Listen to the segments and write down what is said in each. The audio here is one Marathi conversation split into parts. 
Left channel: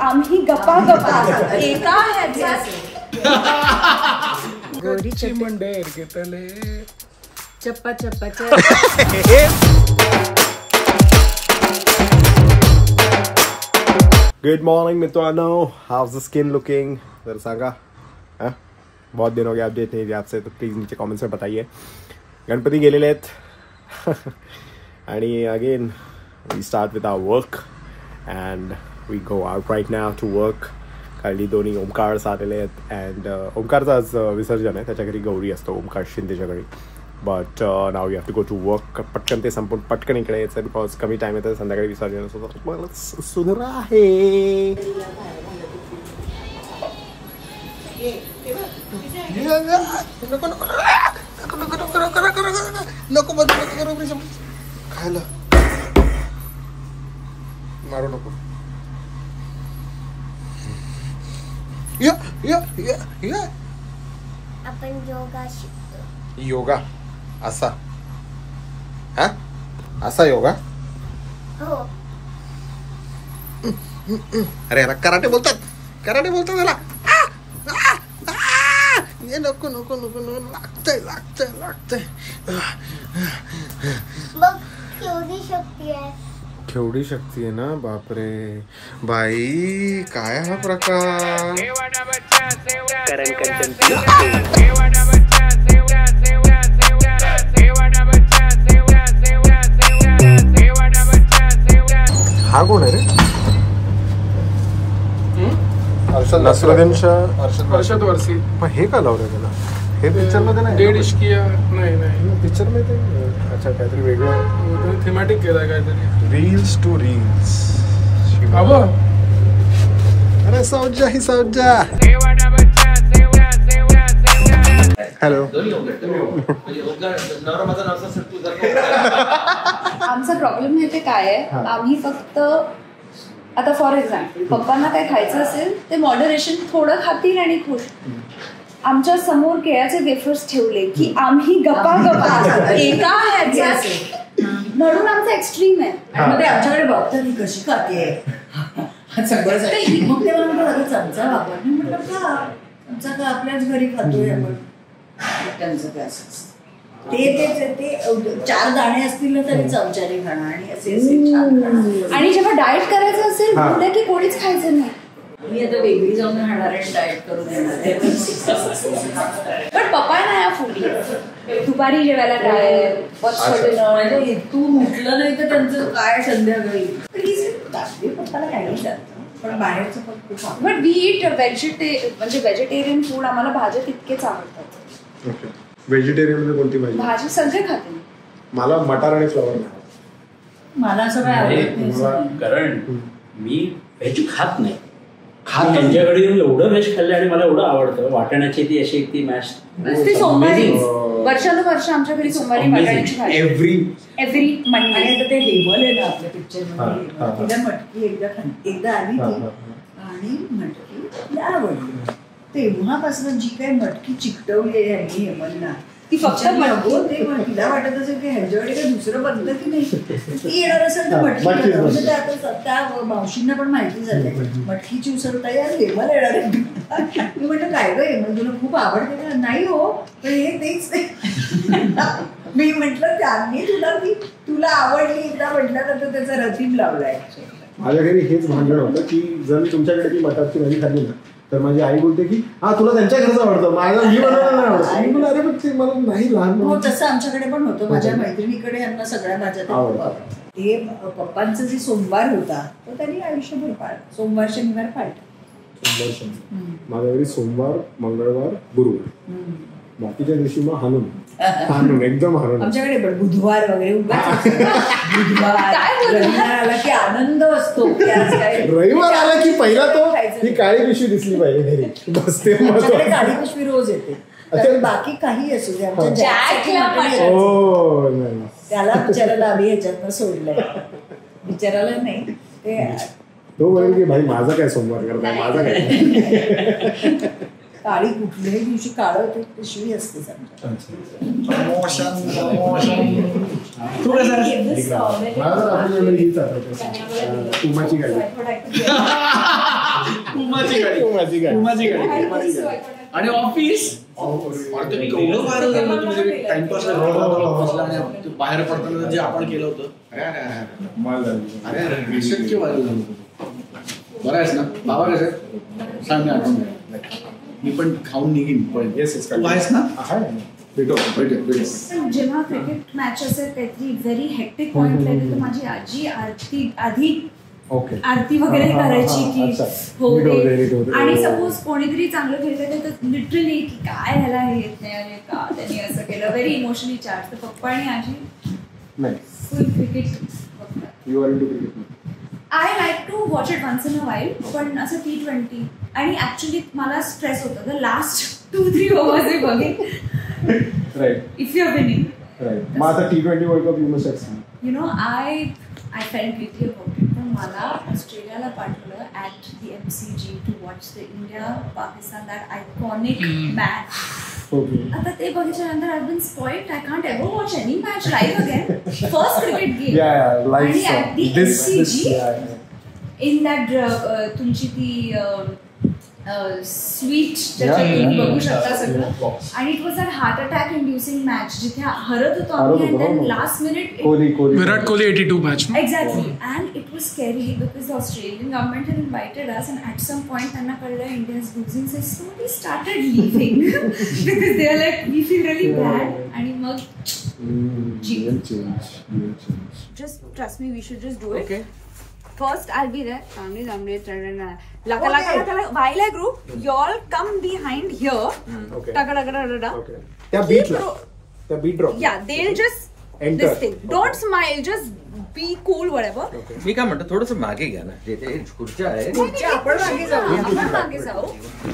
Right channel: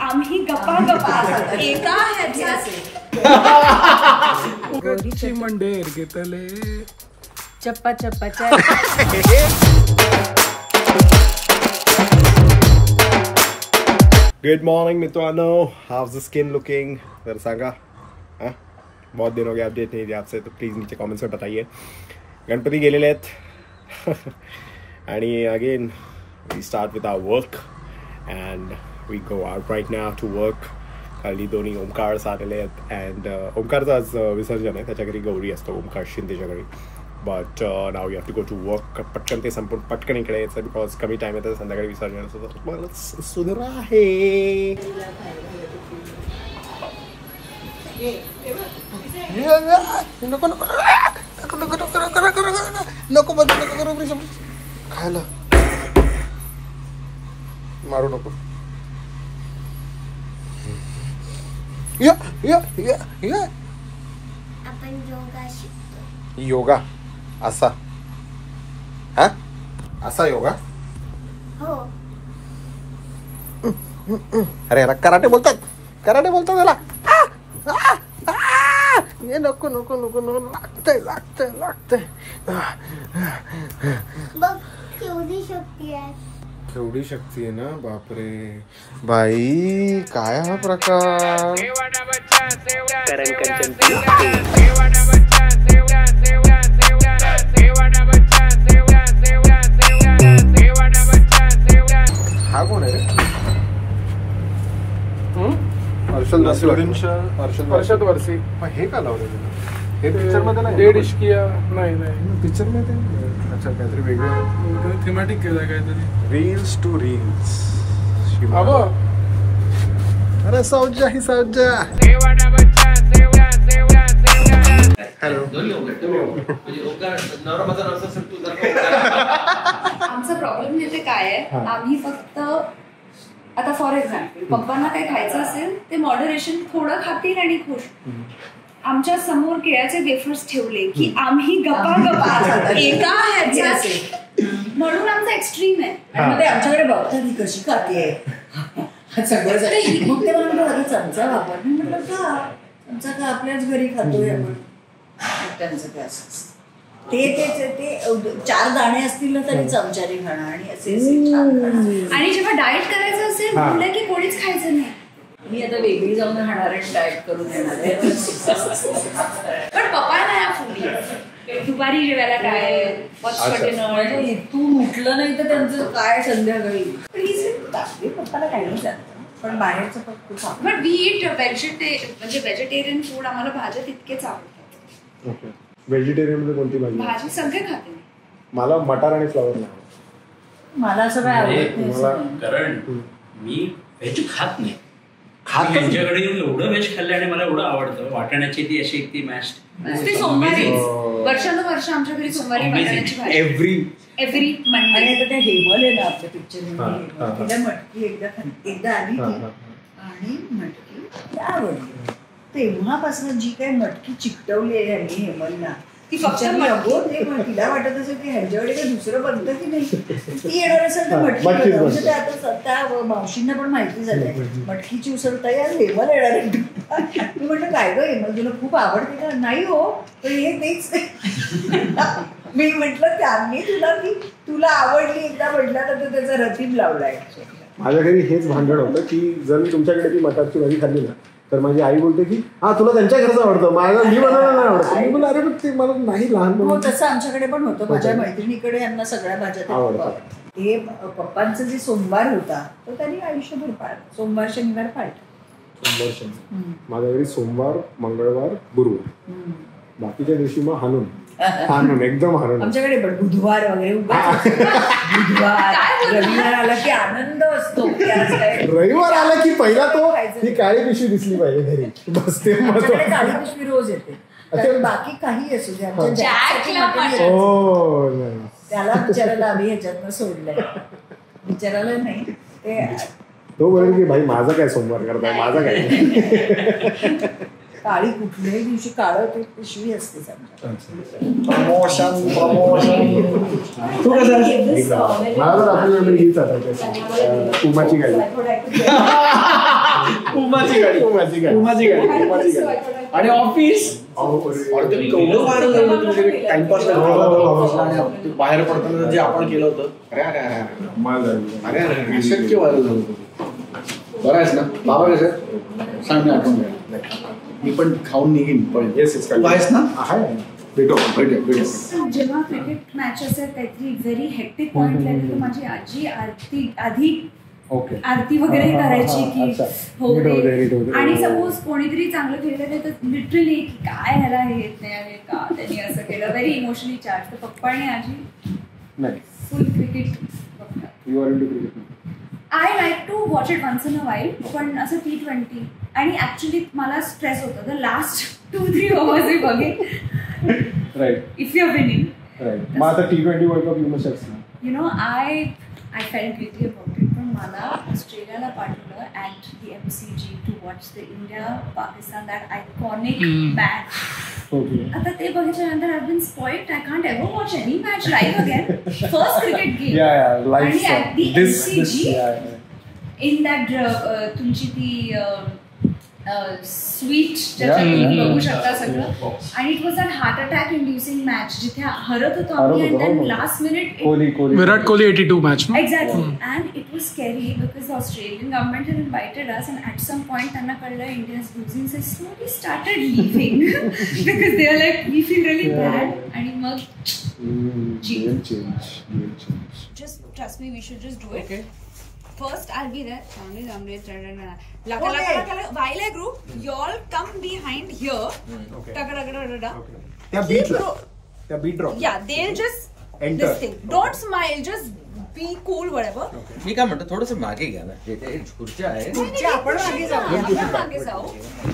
आम्ही गप्पा गप्पा एका कच्ची मंडेर घेतले चप्पा चप्पा गुड मॉर्निंग मित्रांनो, हाउस द स्किन लुकिंग जरा सांगा. बहुत दिन हो गया अपडेट नहीं दिया आपसे, तो प्लीज नीचे कमेंट्स में बताइए. गणपती गेलेले आहेत आणि again we start with our work and we go out right now to work. खाली दोन्ही ओमकार आलेले आहेत अँड ओमकारचं आज विसर्जन आहे, त्याच्या घरी गौरी असतो ओमकार शिंदेच्या घरी. But now you have to go to work. पटकन ते संपून पटकन इकडे यायचं बिकॉज कमी टाइम येतं, संध्याकाळी विसर्जन असतो. मला सुंदर आहे. नको खायला मारू नको. आपण योगा शिकतो. योगा असा हा असा योगा. हो. अरे याला कराटे बोलतात, कराटे बोलतात त्याला. ये नको नको नको नको लागतंय लागतंय लागतंय. मग केवढी शक्ती आहे. केवढी शक्ती आहे ना, बापरे बाई काय हा प्रकार. हा कोण आहे रे? अर्षद वर्षी. पण हे का लावलं त्याला? हे पिक्चर मध्ये नाही. डेड इश्किया नाही पिक्चर मध्ये. अच्छा काहीतरी वेगळं थेमॅटिक केलाय काहीतरी. Reels to reels. अरे सौजा ही सौजा. हॅलो. आमचा प्रॉब्लेम येते काय आहे, आम्ही फक्त आता फॉर एक्झाम्पल पप्पांना काही खायचं असेल ते मॉडरेशन थोडं खातील आणि खुश. आमच्या समोर केळ्याचे वेफर्स ठेवले की आम्ही गप्पा गप्पा एका ह्याचे. म्हणून आमचं एक्स्ट्रीम आहे. मग ते आमच्याकडे बघतात ही कशी खाते सगळं. मग ते म्हणलं चमचा वापर म्हटलं का चमचा का आपल्याच घरी खातोय आपण. त्यांचं काय असं ते 4 दाणे असतील ना तरी चमचाने खाणं आणि असे आणि जेव्हा डाएट करायचं असेल बोलले की कोणीच खायचं नाही. मी आता वेगळी जाऊन राहणार आहे, डाएट करून येणार आहे. पण पप्पा नाही फुली दुपारी जेवायला काय तू म्हटलं नाही तर त्यांचं काय संध्याकाळी. पप्पाला काही नाही जात पण बाहेरचं फक्त. बट वी इट म्हणजे व्हेजिटेरियन फूड. आम्हाला भाज्या तितकेच आवडतात. व्हेजिटेरियन मध्ये कोणती भाजी? भाजी सगळे खाते. मला मटार आणि फ्लॉवर नाही. मला असं काय आवडत नाही. कारण मी व्हेज खात नाही. त्यांच्याकडे येऊन एवढं व्हेज खाल्लं आणि मला एवढं आवडतं. वाटाण्याची ती अशी ती मॅश सोमवारी वर्षानुवर्ष आमच्या घरी सोमवारी वाटाण्याची भाजी एव्हरी मंडे. आणि ते हेमल आहे ना आपल्या पिक्चर मध्ये, तिला मटकी एकदा आली ती आणि मटकी आवडली. तेव्हापासून जी काही मटकी चिकटवली आहे यांनी हेमलला ती फक्त तिला वाटत असेल की ह्यांच्याकडे काही दुसरं बघतं की नाही. ती येणार असेल तर मटकी. म्हणजे आता त्या मावशींना पण माहिती झालंय मटकीची उसळ तर यार हेमल येणार आहे. मी म्हटलं काय गं हेमल तुला खूप आवडते का? नाही हो पण हे तेच. मी म्हटलं त्यांनी तुला आवडली एकदा म्हटलं तर त्याचा रतीब लावलाय. माझ्या घरी हेच भांडण होतं की जर तुमच्याकडे ती मटारची भाजी खाल्ली ना तर माझी आई बोलते की हा तुला त्यांच्या घरचं आवडतं, मला मी बनवायला नाही आवडतं. मी बोलतो अरे ते मला नाही लहान. तसं आमच्याकडे पण होतं. माझ्या मैत्रिणीकडे यांना सगळ्या भाज्या आवडतात. हे पप्पांचा जे सोमवार होता तो त्यांनी आयुष्यभर पाळला. सोमवार शनिवार पाळला. माझ्या घरी सोमवार मंगळवार गुरुवार, बाकीच्या दिवशी मग हाणून एकदम हाणून. आमच्याकडे पण बुधवार वगैरे बुधवार रविवार आला की आनंद असतो. रविवार आला की पहिला तो ही काळी पिशवी दिसली पाहिजे घरी. बस ते काळी पिशवी रोज येते. बाकी काही असू दे आमच्या त्याला बिचारायला आम्ही ह्याच्यातनं सोडलंय. बिचारायला नाही ते तो बोलेल की भाई माझा काय सोमवार करताय, माझा काय. काळी कुठल्याही दिवशी काळं ते पिशवी असते समजा. तू कसं मला तर आपण हीच आठवते उमाची गाडी. उमाची गाडी आणि ऑफिस टाइमपास आणि बाहेर पडताना जे आपण केलं होतं अरे शक्य व्हायला. बरं आहेस ना बाबा? कसं सांग, मी आठवण द्या. मी पण खाऊन निघीन पण. येस तू आहेस ना? भेटो. जेव्हा क्रिकेट मॅच असेल काहीतरी व्हेरी हेक्टिक पॉइंट लागेल तर माझी आजी आरती वगैरे करायची की हो दे. आणि सपोज कोणीतरी चांगलं खेळलं तर लिटरली की काय ह्याला हे येत नाही अरे का त्यांनी असं केलं, व्हेरी इमोशनली चार्ज. तर पप्पा आणि आजी फुल क्रिकेट बघतात. You are into cricket? I like to watch it once in a while, पण असं T20. आणि ऍक्च्युली मला स्ट्रेस होतं द लास्ट 2-3 ओव्हर्स मी बघेन. Right. If you are winning. Right. मग आता T20 world cup you must have seen. You know I felt guilty about it. पण मला ऑस्ट्रेलियाला पाठवलं at the MCG to watch the India Pakistan that iconic match. आता ते बघितल्यानंतर I been spoiled. I can't ever watch any match live again. First cricket game आणि at the MCG in that तुमची ती स्वीट ज्याच्यात बघू शकता सगळं. आणि it was a heart attack inducing match जिथे हरत होतो आम्ही. And then last minute Virat Kohli 82 match. Exactly. And it was scary because Australian government had invited us and at some point त्यांना कळलं India is losing so we started leaving because they are like we feel really bad. आणि मग just trust me, we should just do it. Okay. First, I'll be there. While I group, y'all come behind here. Okay. Okay. त्या beat drop. Yeah, they'll just enter. This thing. Don't smile. Just be cool, whatever. Okay. मी काय म्हणतो थोडंसं मागे घ्या ना, जे खुर्च्या आहेत. आपण मागे जाऊ. आपण मागे जाऊ.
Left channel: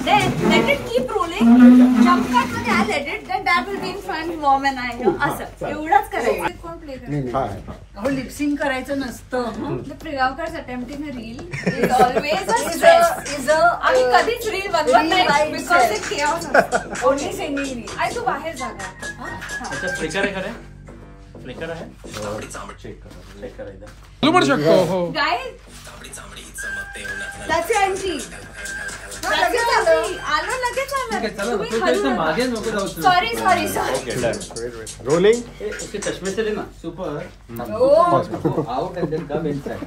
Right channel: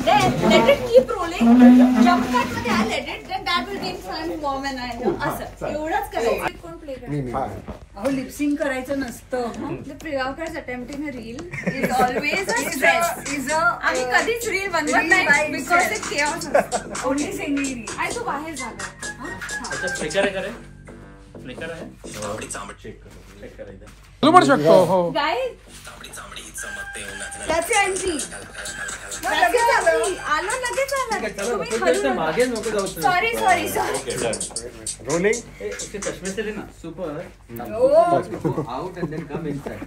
Then let it keep rolling. Jump cut मध्ये I let it. Then that will be in front, mom and I. असं एवढंच करायचं. कोण प्ले करायचं? अहो लिपसिंग करायचं नसतं. The Priyavkar's attempting a reel is always a stress. आम्ही कधीच रील बनवत नाही because it chaos असतं. Only singing reel. आई तू बाहेर जा. फ्लिकर आहे चेक करायचं. तू पण शकतो. हो Guys, that's your entry. आलो लगेच आलो. मागे नको जाऊ. Sorry. Rolling. चष्मे चले ना. Super. Out and then come inside.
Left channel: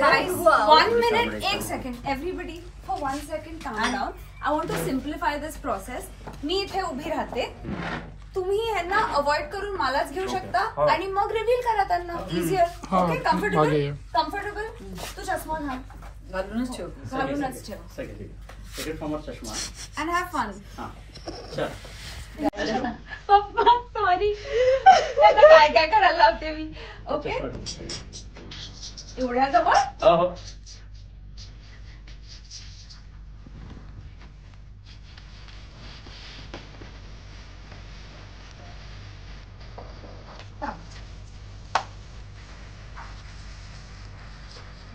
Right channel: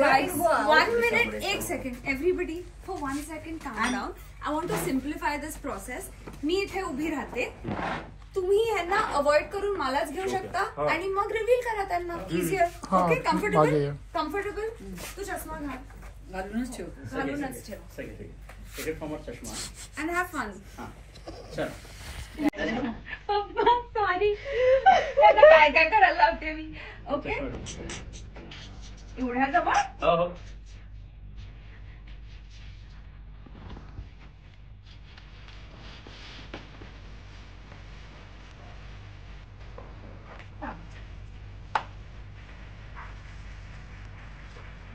Guys, 1 minute, 1 second. Everybody, for 1 second, calm down. I want to simplify this process. मी इथे उभी राहते. तुम्ही ह्यांना अवॉइड करून मलाच घेऊ शकता आणि मग रिव्हील करा त्यांना. इझियर. ओके. कम्फर्टेबल. तू चष्मा घालूनच ठेव. चष्मा. And have fun. चल. पप्पा सॉरी. काय करायला लावते मी. ओके. एवढ्या जवळ.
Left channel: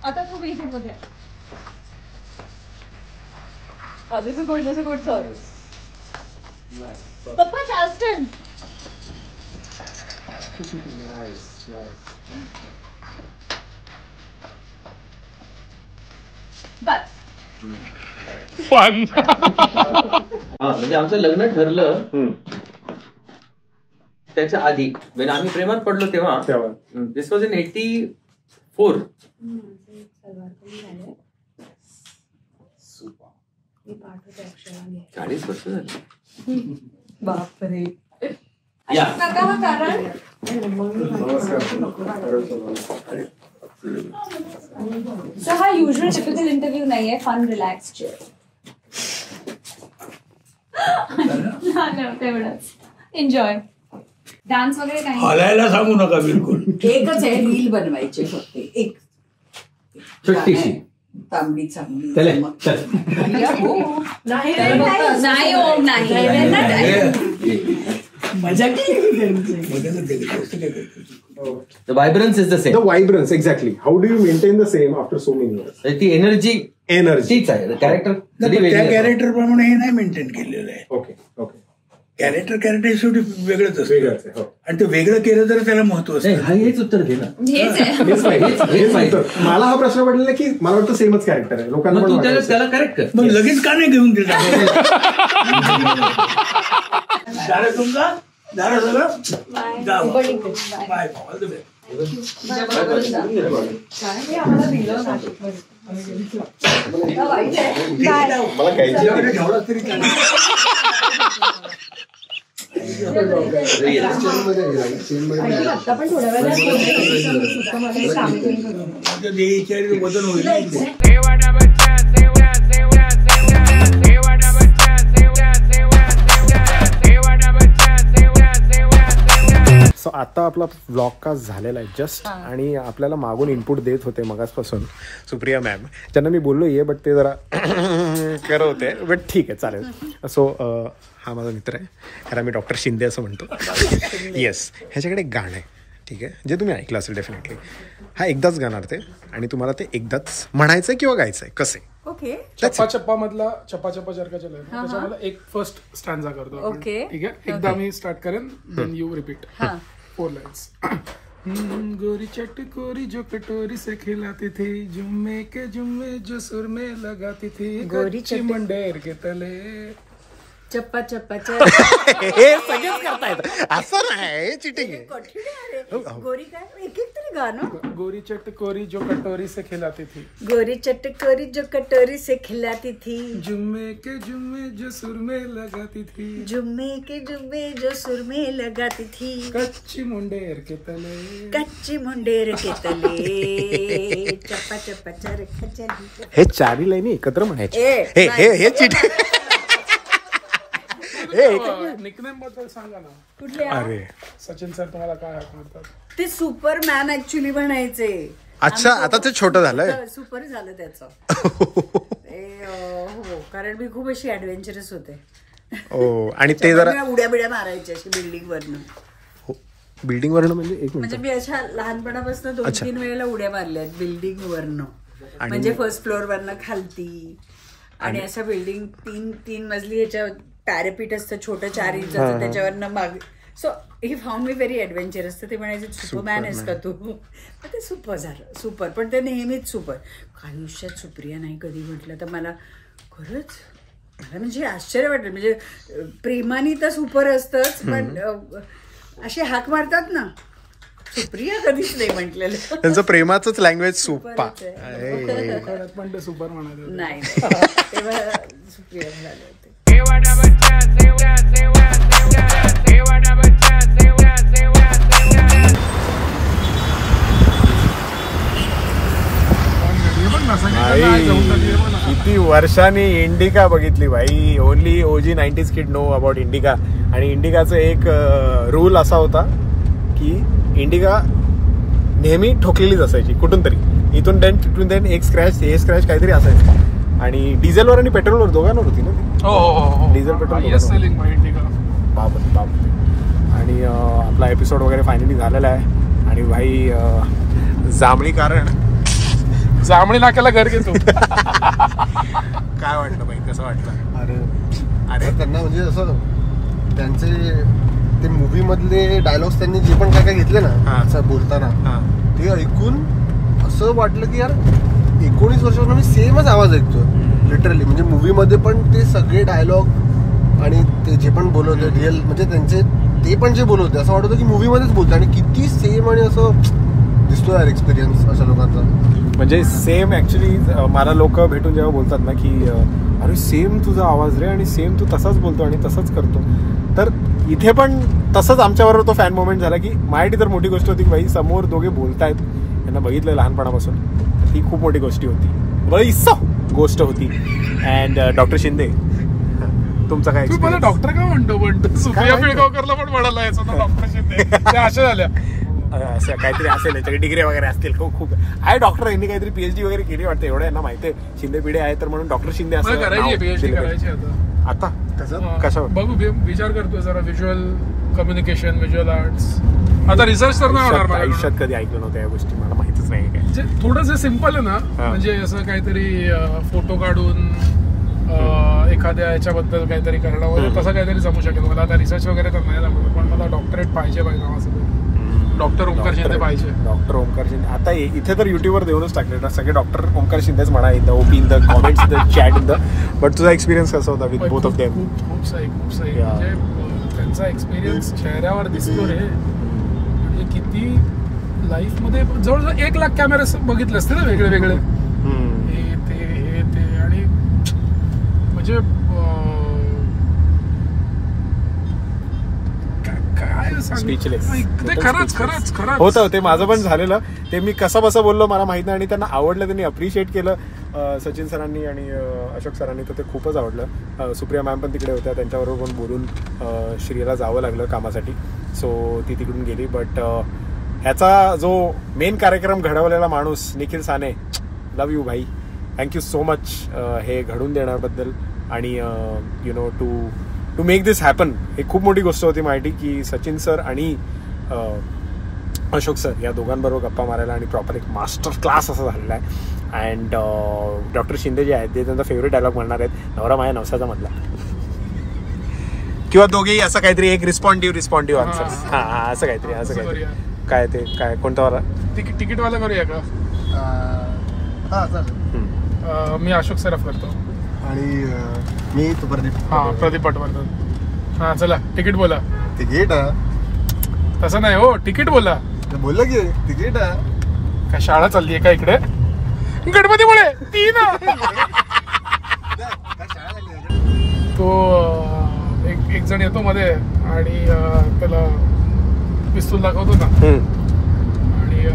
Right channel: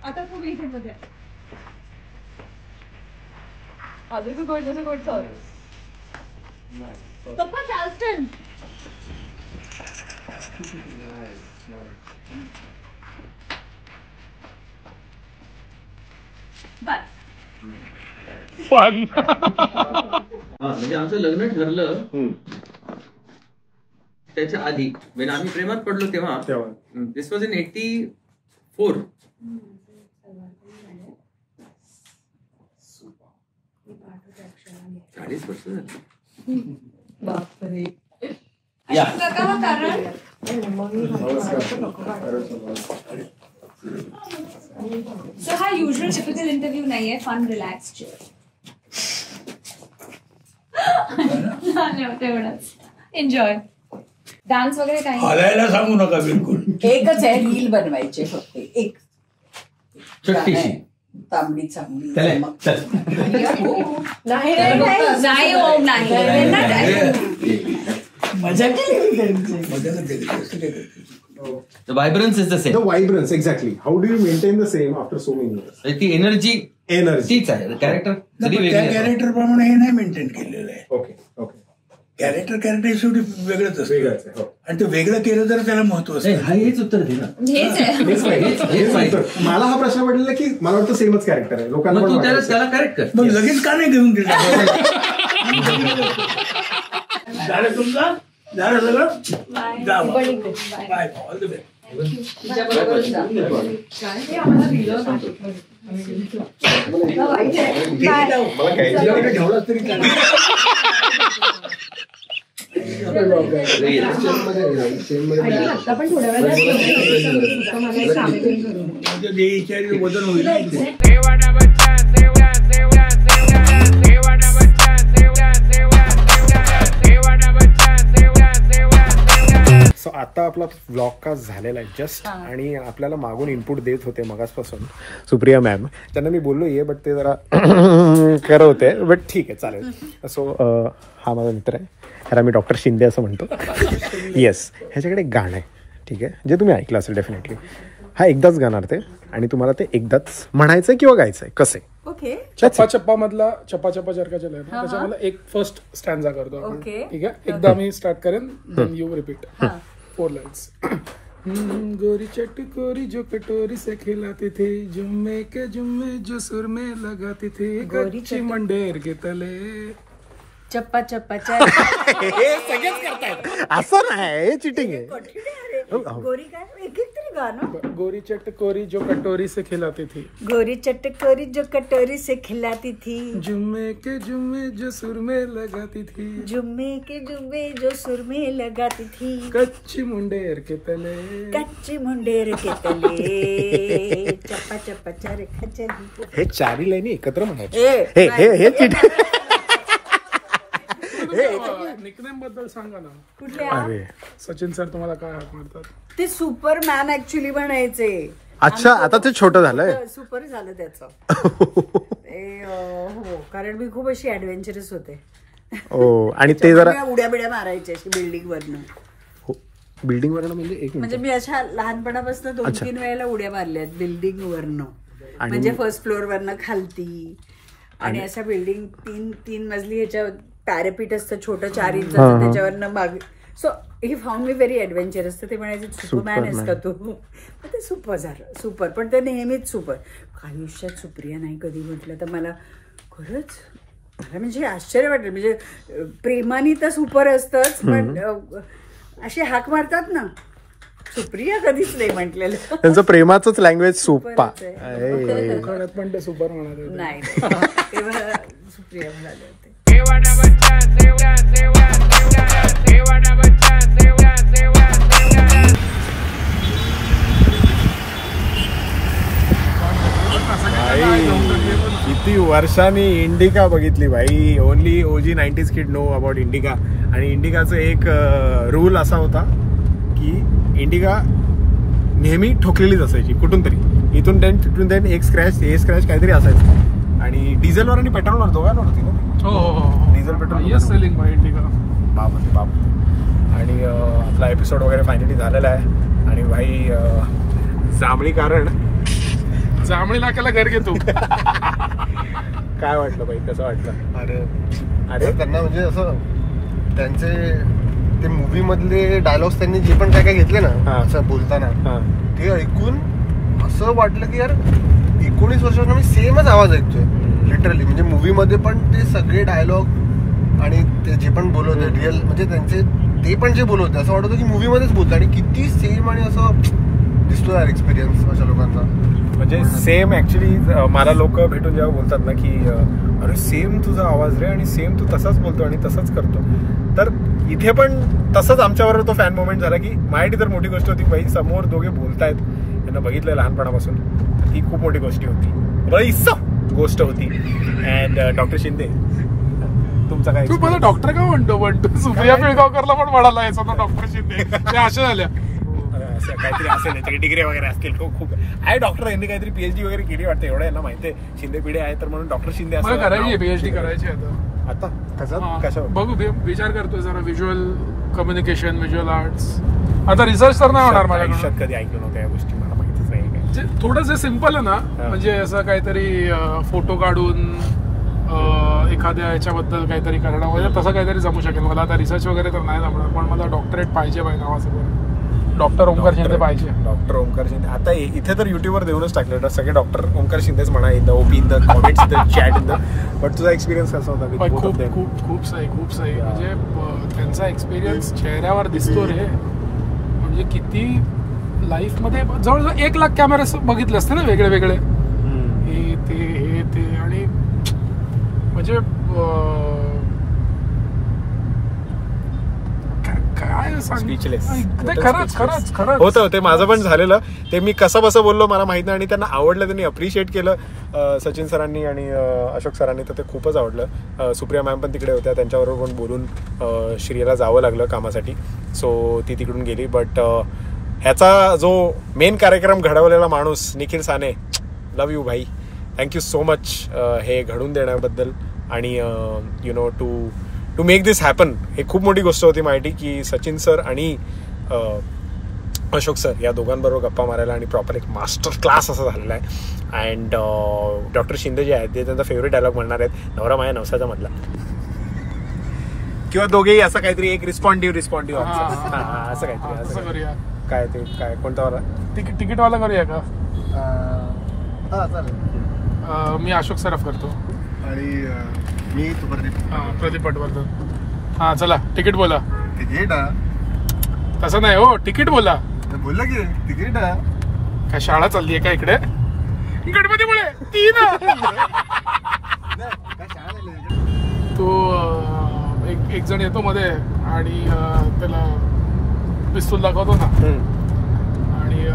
आता तू इथे मध्ये पप्पा चार्ल्स्टन. बस. फन. म्हणजे आमचं लग्न ठरलं त्याच्या आधी वेन आम्ही प्रेमात पडलो तेव्हा. दिस वॉज इन 84. 40 वर्ष झाली. बापरे. कारण सो हा युजल टिपिकल इंटरव्ह्यू नाहीये. फन रिलॅक्स तेवढंच एन्जॉय. डान्स वगैरे काही हलायला सांगू नका बिलकुल. एकच आहे रील बनवायचे फक्त. एक छोटीशी तांबडी चांगली. मजा केली. The vibrance is the same. The vibrance, exactly. How do you maintain the same after so many years? ती एनर्जी एनर्जी तीच आहे कॅरेक्टर. त्या कॅरेक्टर प्रमाणे हे नाही मेंटेन केलेलं आहे. Okay okay. कॅरेक्टर शेवटी वेगळंच वेगळंच असतं आहे, हो. आणि ते वेगळं केलं तर त्याला महत्व असतं. हेच उत्तर दे ना. हेच आहे. मला हा प्रश्न पडलेला की मला वाटतं सेमच कॅरेक्टर आहे लोकांना पण वाटतं. त्याला करेक्ट कर. मग लगेच का नाही घेऊन दिलं झालं तुमचं झालं सगळं गाव बाय ऑल द बेस्ट. ठेवलं तरी वजन होईल. सो आता आपला व्लॉग कास्ट झालेला आहे जस्ट, आणि आपल्याला मागून इनपुट देत होते मगासपासून सुप्रिया मॅम, ज्यांना मी बोललो ये बट ते जरा करत होते, बट ठीक आहे चालेल. सो हा माझा मित्र आहे, ह्याला मी डॉक्टर शिंदे असं म्हणतो. येस, ह्याच्याकडे एक गाणं आहे, ठीक आहे, जे तुम्ही ऐकलं असेल डेफिनेटली. हा एकदाच गाणार ते, आणि तुम्हाला ते एकदाच म्हणायचंय किंवा गायचंय कसे. ओके. चप्पा चप्पा मधला चप्पा चप्पा चरका चला त्याच्यामध्ये एक फर्स्ट स्टॅन्झा करतो आपण, ठीक आहे. एकदा मी स्टार्ट करेन, देन यू रिपीट 4 लाइन्स. गोरी चटकोरी जो कटोरी से खिलाती थी, जुम्मे के जुम्मे जो सुर में लगाती थी, गोरी मंडेर के तले. चप्पा चप्पा हे सगळेच करतायत, असं नाही, चिटिंग आहे. गोरी काय एक एक तरी गाणं. गोरी चटकोरी जो कटोरी से खिलाती थी, गोरी चटकोरी जो कटोरी से खिलाती थी, जुम्मे के जुम्मे जो सुर में लगाती थी, जुम्मे के जुम्मे जो सुर में लगाती थी, कच्ची मुंडेर के तले, कच्ची मुंडेर के तले, चप्पा चप्पा चरखा चली. हे चारी लाईनी एकत्र म्हणायचे. हे चिटिंग. निकनेम बद्दल सांगा ना. कुठल्या? अरे सचिन सर तुम्हाला काय हाक मारतात? ते सुपरमॅन ऍक्च्युली म्हणायचे. अच्छा, आता ते छोटं झालंय. सुपर झालं त्याचं. हो, कारण मी खूप अशी ऍडव्हेंचरस होते. ओ, आणि ते जरा उड्या बिड्या मारायचे अशी बिल्डिंग वरनं. बिल्डिंग वरनं म्हणजे एक म्हणजे मिनिट. मी अशा लहानपणापासून 2-3 वेळेला उड्या मारल्यात बिल्डिंग वरनं. म्हणजे फर्स्ट फ्लोअर वरनं खालती, आणि अशा बिल्डिंग 3 मजली ह्याच्या पॅरापीट असतं छोटं 4 इंचाचं, त्याच्यावरनं मागे. So he found me very adventurous. तर ते म्हणायचे सुपरमॅन आहेस का तू. तर ते सुपर झालं, सुपर. पण ते नेहमीच सुपर. आयुष्यात सुप्रिया नाही कधी म्हटलं तर मला खरंच मला म्हणजे आश्चर्य वाटेल. म्हणजे प्रेमाने तर सुपर असतंच, पण अशी हाक मारतात ना, सुप्रिया कधीच नाही म्हटलेलं. त्यांचं प्रेमाचंच लँग्वेज सुप्पा. पण ते सुपर म्हणत नाही, तेव्हा सुप्रिया झाले होते. किती वर्षांनी इंडिका बघितली भाई. ओनली ओजी 90s kid know about indica. आणि इंडिकाचं एक रूल असा होता की इंडिका नेहमी ठोकलेलीच असायची कुठून तरी, इथून देन तिथून देन, एक स्क्रॅच हे स्क्रॅच काहीतरी असायचं. आणि डिझेलवर आणि पेट्रोलवर दोघांवर होती ना. डिझेल पेट्रोल बापरे. आणि आपला एपिसोड वगैरे फायनली झालेला आहे. आणि भाई जांभळी कारण जांभळी नाक्याला घर घेतो. काय वाटलं भाई, कसं वाटलं? अरे त्यांना म्हणजे असं त्यांचे ते मूवी मधले डायलॉग्स त्यांनी जे पण काय घेतले ना असं बोलताना, ते ऐकून असं वाटलं की यार 19 वर्षांना मी सेमच आवाज ऐकतोय लिटरली. म्हणजे मूवी मध्ये पण ते सगळे डायलॉग आणि ते जे पण बोलवते रिअल, म्हणजे त्यांचे ते पण जे बोलवते असं वाटतं की मूवी मध्येच बोलते. आणि किती सेम आणि असं दिसतो यार एक्सपिरियन्स अशा लोकांचा. म्हणजे सेम ऍक्च्युली मला लोक भेटून जेव्हा बोलतात ना की अरे सेम तुझा आवाज रे, आणि सेम तू तसाच बोलतो आणि तसंच करतो. तर इथे पण तसंच आमच्याबरोबर तो फॅन मोमेंट झाला की माझ्यासाठी तर मोठी गोष्ट होती की भाई समोर दोघे बोलतायत, त्यांना बघितलं लहानपणापासून, ही खूप मोठी गोष्टी होती, गोष्ट होती. अँड डॉक्टर शिंदे तुमचं काय? तू मला डॉक्टर का म्हणतो? पण सुप्रिया पिळगावकरला पण म्हणाला याचा डॉक्टर शिंदे, ते अशा झाल्या. असं काहीतरी असेल, याच्याकडे डिग्री वगैरे असतील, खूप आहे डॉक्टर. यांनी काहीतरी PhD वगैरे केली वाटतं, एवढं यांना माहिती आहे. शिंदे पिढी आहे तर म्हणून डॉक्टर शिंदे असं PhD करायची आता. कशा बघू, विचार करतोय जरा. Visual communication, visual arts. आता रिसर्च तर नाही होणार. आयुष्यात कधी ऐकलं नव्हतं या गोष्टी, मला माहितीच नाही. म्हणजे थोडंसं सिम्पल आहे ना, म्हणजे असं काहीतरी फोटो काढून एखाद्या याच्याबद्दल काहीतरी करणं वगैरे तसं काहीतरी जमू शकेल मला. आता रिसर्च वगैरे तर नाही जमणार, पण मला डॉक्टरेट पाहिजे नावासोबत. डॉक्टर ओंकार शिंदे पाहिजे. डॉक्टर ओंकार शिंदे आता इथे तर युट्यूबवर देऊनच टाकलेलं सगळे डॉक्टर ओंकार शिंदेच म्हणा, in the OP, in the comments, in the chat, in the. But तुझा एक्सपिरियन्स कसा होता? खूप सही म्हणजे त्यांचा एक्सपिरियन्स चेहऱ्यावर दिसतो रे. म्हणजे किती लाईफमध्ये जवळजवळ 1 लाख कॅमेरे बघितले असते ना वेगळे वेगळे, हे ते आणि म्हणजे स्पीचलेस खरंच होतं ते. माझं पण झालेलं ते. मी कसं बसं बोललो मला माहित नाही, आणि त्यांना आवडलं, त्यांनी अप्रिशिएट केलं सचिन सरांनी आणि अशोक सरांनी, तर ते खूपच आवडलं. सुप्रिया मॅम पण तिकडे होत्या, त्यांच्याबरोबर पण बोलून श्रीला जावं लागलं कामासाठी, सो ती तिकडून गेली. बट ह्याचा जो मेन कार्यक्रम घडवलेला माणूस निखिल साने, लव्ह यू भाई, थँक्यू सो मच हे घडून देण्याबद्दल. आणि you know to make this happen, हे खूप मोठी गोष्ट होती माहिती की सचिन सर आणि अशोक सर या दोघांबरोबर गप्पा मारायला, आणि प्रॉपर एक मास्टर क्लास असं झालेला आहे. अँड डॉक्टर शिंदे जे आहेत ते त्यांचा फेवरेट डायलॉग म्हणणार आहेत, नवरा माझ्या नवसाचा मधला, किंवा दोघेही असं काहीतरी एक रिस्पॉन्डिव्ह असं काहीतरी. काय ते काय कोणता वाला तिकीटवाला करूया का? मी अशोक सराफ करतो आणि मी प्रदीप पटवर्धन. हा चला तिकीट बोला. तिकीट तसं नाही हो, तिकीट बोला. बोलला की तिकीट. काय शाळा चालली आहे का इकडे? गणपतीमुळे 3 तो एक जण येतो मध्ये आणि त्याला पिस्तूल दाखवतो ना, आणि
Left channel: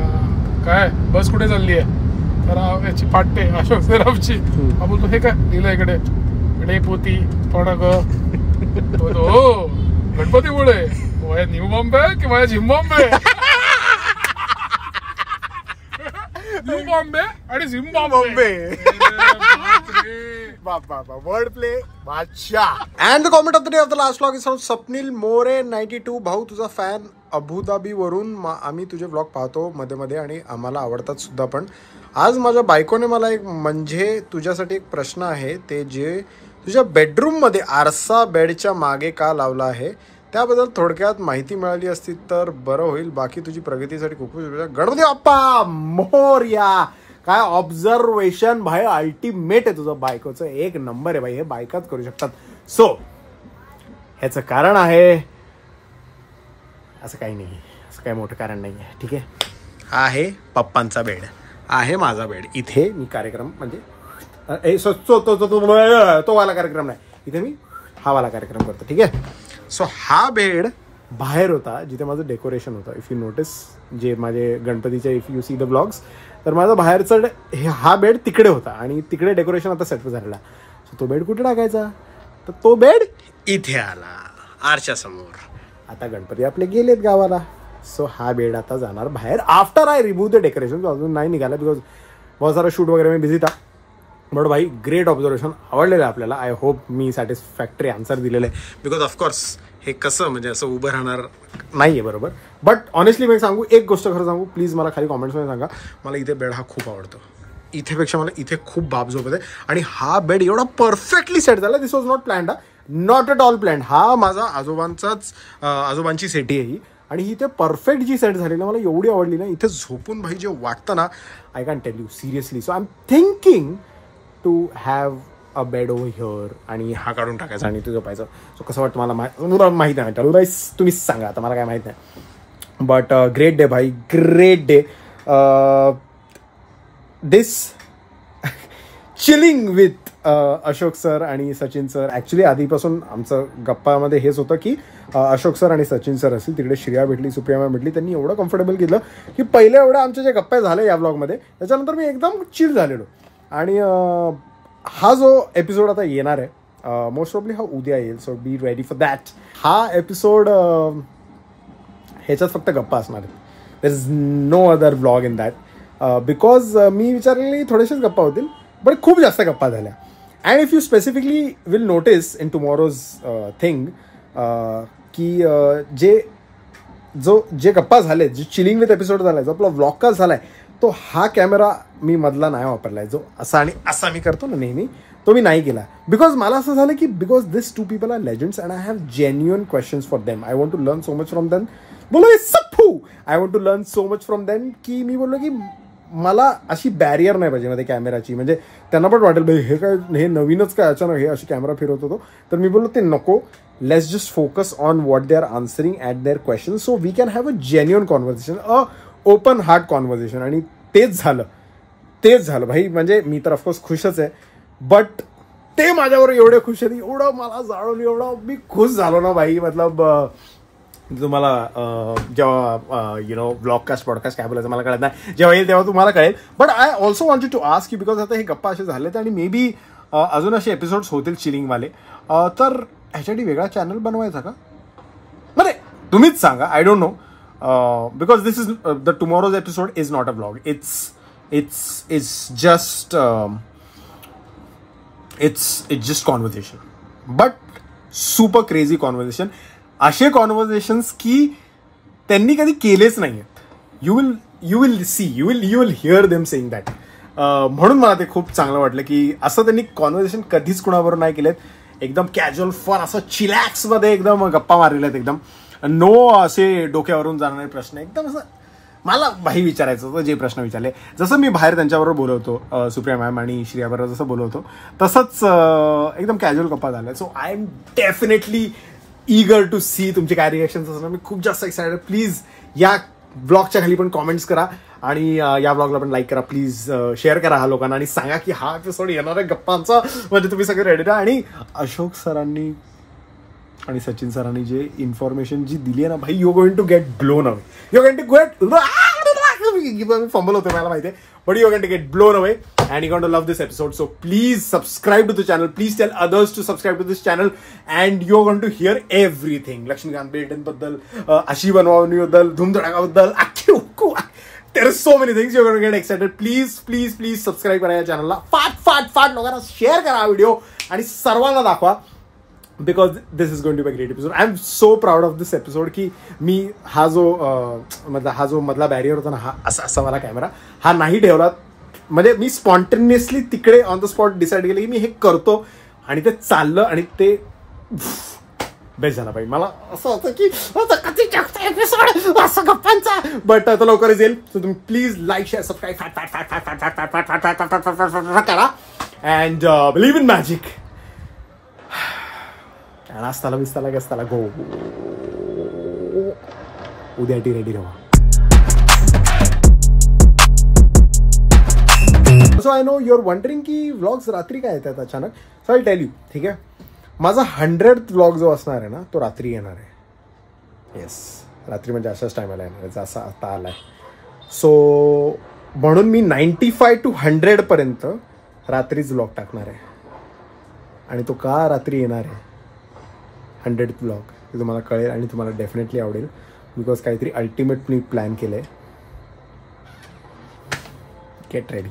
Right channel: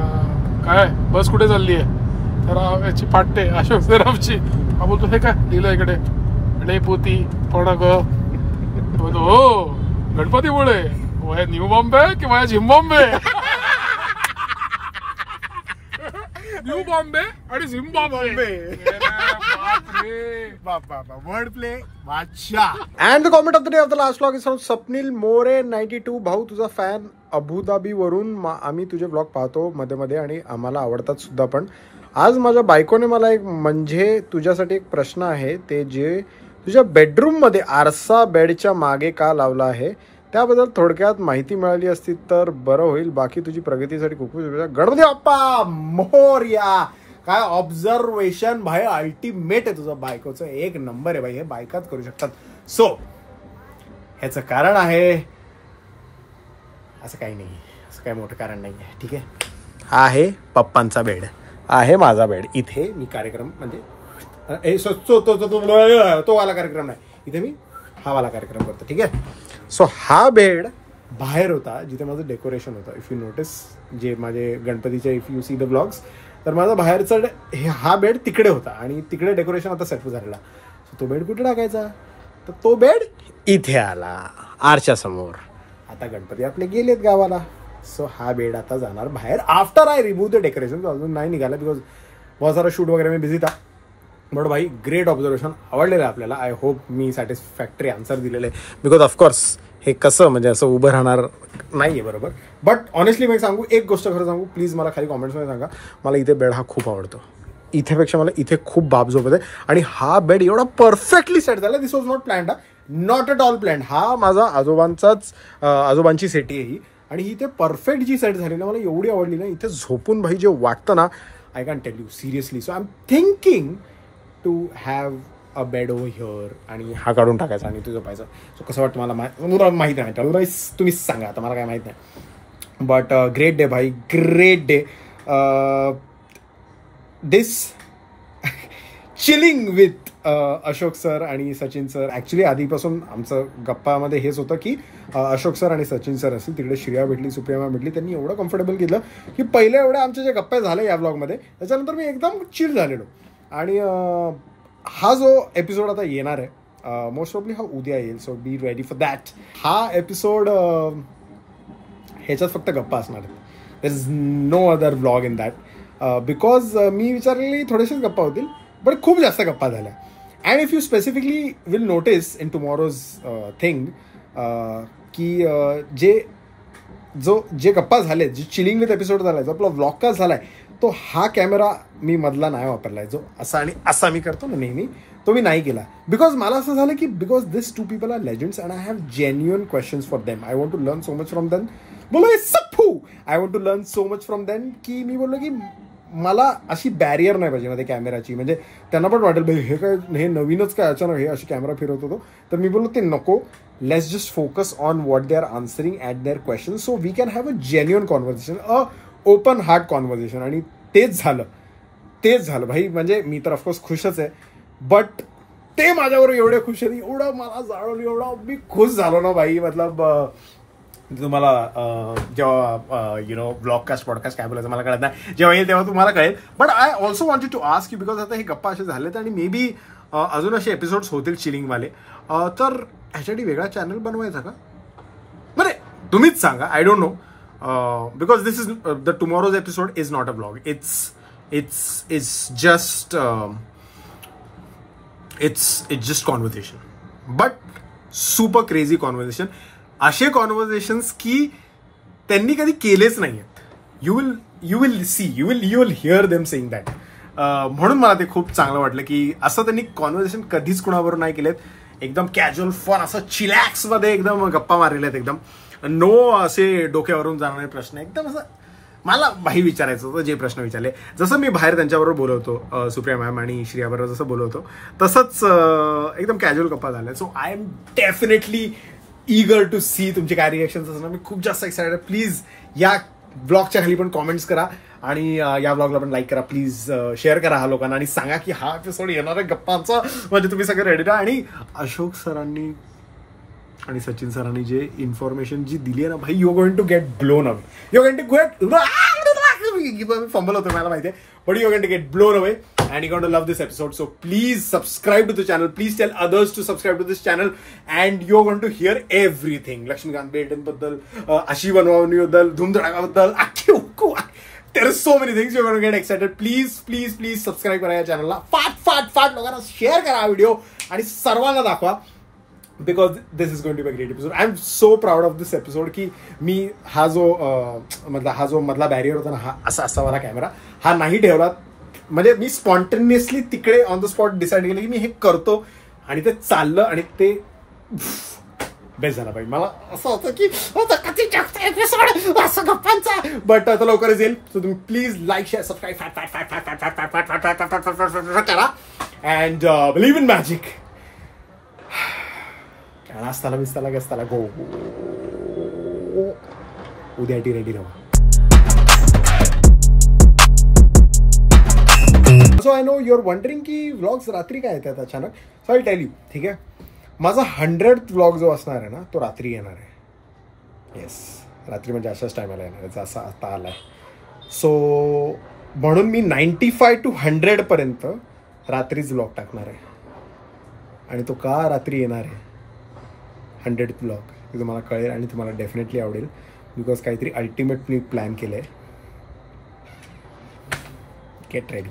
काय बस कुठे चालली आहे, तर याची पाटते अशोक सराफची. हा बोलतो हे काय लिहिलं इकडे, रे पोती थोडा ग. हो गणपतीमुळे वाया न्यू बॉम्बे की वाया झिम्बाब्वे? न्यू बॉम्बे आणि झिम्बाब्वे. वर्ड प्ले बादशाह. And the comment of the day of the last vlog is from Swapnil More 92. भाऊ तुझा फॅन अबुधाबी वरून आम्ही तुझे व्लॉग पाहतो मध्ये मध्ये आणि आम्हाला आवडतात सुद्धा. पण आज माझ्या बायकोने मला एक म्हणजे तुझ्यासाठी एक प्रश्न आहे, ते जे तुझ्या बेडरूममध्ये आरसा बेडच्या मागे का लावला आहे त्याबद्दल थोडक्यात माहिती मिळाली असती तर बरं होईल. बाकी तुझी प्रगतीसाठी खूप खूप गणपती बाप्पा मोरया. काय ऑब्झर्वेशन भाई, अल्टिमेट आहे तुझं. बायकोचं 1 नंबर आहे भाई, हे बायकाच करू शकतात. सो ह्याचं कारण आहे असं काही नाही, असं काही मोठं कारण नाही आहे. ठीक आहे, हा आहे पप्पांचा बेड, आहे माझा बेड. इथे मी कार्यक्रम म्हणजे तो वाला कार्यक्रम नाही, इथे मी हा वाला कार्यक्रम करतो. ठीक आहे. सो हा बेड बाहेर होता जिथे माझं डेकोरेशन होतं. इफ यू नोटिस जे माझे गणपतीचे, if you see the blogs, तर माझा बाहेरचा हा बेड तिकडे होता आणि तिकडे डेकोरेशन आता सेट झालेला. सो तो बेड कुठे टाकायचा, तर तो बेड इथे आला आरच्या समोर. आता गणपती आपले गेलेत गावाला, सो हा बेड आता जाणार बाहेर after I remove the decoration. अजून नाही निघाला बिकॉज बहुत सारा शूट वगैरे मी बिझी था. बट भाई ग्रेट ऑब्झर्वेशन, आवडलेलं आहे आपल्याला. I hope me satisfactory answer दिलेलं आहे, बिकॉज ऑफकोर्स हे कसं म्हणजे असं उभं राहणार नाही आहे बरोबर. बट ऑनेस्टली मी सांगू एक गोष्ट, खरं सांगू प्लीज, मला खाली कॉमेंट्समध्ये सांगा, मला इथे बेड हा खूप आवडतो. इथेपेक्षा मला इथे खूप बाप झोपत आहे. आणि हा बेड एवढा परफेक्टली सेट झाला, this was not planned, not at all planned. हा माझा आजोबांची सेटी आहे ही, आणि ही इथे परफेक्ट जी सेट झाली ना, मला एवढी आवडली ना. इथे झोपून भाई जे वाटतं ना, I can tell you seriously. So I am thinking to have a bed over here, आणि हा काढून टाकायचा आणि तुझं पाहायचं. सो कसं वाटतं मला माहिती नाही, तुम्हीच सांगा, आता मला काय माहित नाही. बट ग्रेट डे भाई, great day. This chilling with Ashok sir आणि सचिन सर. ॲक्च्युली आधीपासून आमचं गप्पामध्ये हेच होतं की अशोक सर आणि सचिन सर असतील, तिकडे श्रेया भेटली, सुप्रिया भेटली, त्यांनी एवढं कम्फर्टेबल केलं की पहिले एवढं आमचे जे गप्पा झाले या ब्लॉगमध्ये त्याच्यानंतर मी एकदम चिल झालेलो. आणि हा जो एपिसोड आता येणार आहे मोस्ट प्रॉब्ली हा उद्या येईल, so be ready for that. हा एपिसोड ह्याच्यात फक्त गप्पा असणार आहेत, there is no other vlog in that, because मी विचारलेली थोडेसेच गप्पा होतील, बट खूप जास्त गप्पा झाल्या. And if you specifically will notice in tomorrow's thing की जे गप्पा झाले, जे चिलिंग विथ एपिसोड झालाय, जो आपला व्लॉगकास्ट झालाय, तो हा कॅमेरा मी मधला नाही वापरलाय, जो असा आणि असा मी करतो ना नेहमी, तो मी नाही केला. बिकॉज मला असं झालं की because this 2 people are legends and I have genuine questions for them. I want to learn so much from them. बोलो हे Sappu, I want to learn so much from them की मी बोललो की मला अशी बॅरियर नाही पाहिजे मध्ये कॅमेराची. म्हणजे त्यांना पण वाटेल भाई हे काय, हे नवीनच काय अचानक हे अशी कॅमेरा फिरवत होतो. तर मी बोललो ते नको. Let's just focus on what they are answering at their question so we can have a genuine conversation, a open heart conversation. आणि तेच झालं भाई. म्हणजे मी तर ऑफकोर्स खुशच आहे, बट ते माझ्यावर एवढे खुश आहे, एवढं मला जाळवलं, एवढं मी खुश झालो ना भाई. मतलब तुम्हाला जेव्हा ब्लॉगकास्ट पॉडकास्ट काय बोलायचं मला कळत नाही, जेव्हा येईल तेव्हा तुम्हाला कळेल. But I also wanted to ask you because आता हे गप्पा असे झालेत आणि मे बी अजून असे एपिसोड्स होतील चिलिंगवाले. तर ह्याच्यासाठी वेगळा चॅनल बनवायचा का? बरे तुम्हीच सांगा. I don't know because this is the tomorrow's episode is not a blog. It's just conversation, but super crazy conversation. असे कॉन्व्हर्सेशन्स की त्यांनी कधी केलेच नाही आहेत. You will here them saying that. म्हणून मला ते खूप चांगलं वाटलं की असं त्यांनी कॉन्व्हर्सेशन कधीच कुणाबरोबर नाही केलेत. एकदम कॅज्युअल फन असं चिलॅक्स मध्ये एकदम गप्पा मारलेल्या आहेत. एकदम नो असे डोक्यावरून जाणारे प्रश्न. एकदम असं मला भाई विचारायचं होतं जे प्रश्न विचारले. जसं मी बाहेर त्यांच्याबरोबर बोलवतो, सुप्रिया मॅम आणि श्रियाबरोबर जसं बोलवतो तसंच एकदम कॅज्युअल गप्पा झाल्या. So I am definitely eager to see तुमचे काय रिएक्शन्स असणार. मी खूप जास्त एक्साइटेड. प्लीज या ब्लॉगच्या खाली पण कॉमेंट्स करा आणि या ब्लॉगला पण लाईक करा. प्लीज शेअर करा हा लोकांना आणि सांगा की हा एपिसोड येणार आहे गप्पांचा. म्हणजे तुम्ही सगळे रेडी राहा. आणि अशोक सरांनी आणि सचिन सरांनी जे इन्फॉर्मेशन जी दिली आहे ना भाई, you going to get blown away. You going to get fumble होतं मला माहिती आहे, but you going to get blown away and you're going to love this episode. So please subscribe to the channel. Please tell others to subscribe to this channel and you're going to hear everything. Lakshmikant Betten baddal, Ashi Banwani baddal, Dhoom Dhadaka baddal, there are so many things you're going to get excited. Please subscribe करा या channel ला. फाट लोकांना share करा हा video आणि सर्वांना दाखवा. Because this is going to be a great episode. I'm so proud of this episode की मी हा जो मधला बॅरियर होता ना, हा असा वाला कॅमेरा हा नाही ठेवला. म्हणजे मी स्पॉन्टेनियसली तिकडे ऑन द स्पॉट डिसाईड केलं की मी हे करतो आणि ते चाललं आणि ते बेस्ट झाला पाहिजे. मला असं होतं की एपिसोड असं गप्पांचा, बट तो लवकरच येईल. सो तुम्ही प्लीज लाईक शेअर सबस्क्राईब करा अँड बिलीव्ह इन मॅजिक. नाश्ताला बिस्ताला गस्ताला गो. उद्याटी रेडी राहा. So I know your wondering की व्लॉग्स रात्री काय येतात अचानक. So I tell you. ठीक आहे, माझा 100th व्लॉग जो असणार आहे ना तो रात्री येणार आहे. येस, रात्री म्हणजे अशाच टायमाला येणार आहे जसा आता आलाय. सो म्हणून मी 95 to 100 पर्यंत रात्रीच व्लॉग टाकणार आहे. आणि तो का रात्री येणार आहे 100th व्लॉग ते तुम्हाला कळेल आणि तुम्हाला डेफिनेटली आवडेल. बिकॉज काहीतरी अल्टिमेट मी प्लॅन केलंय. Get ready.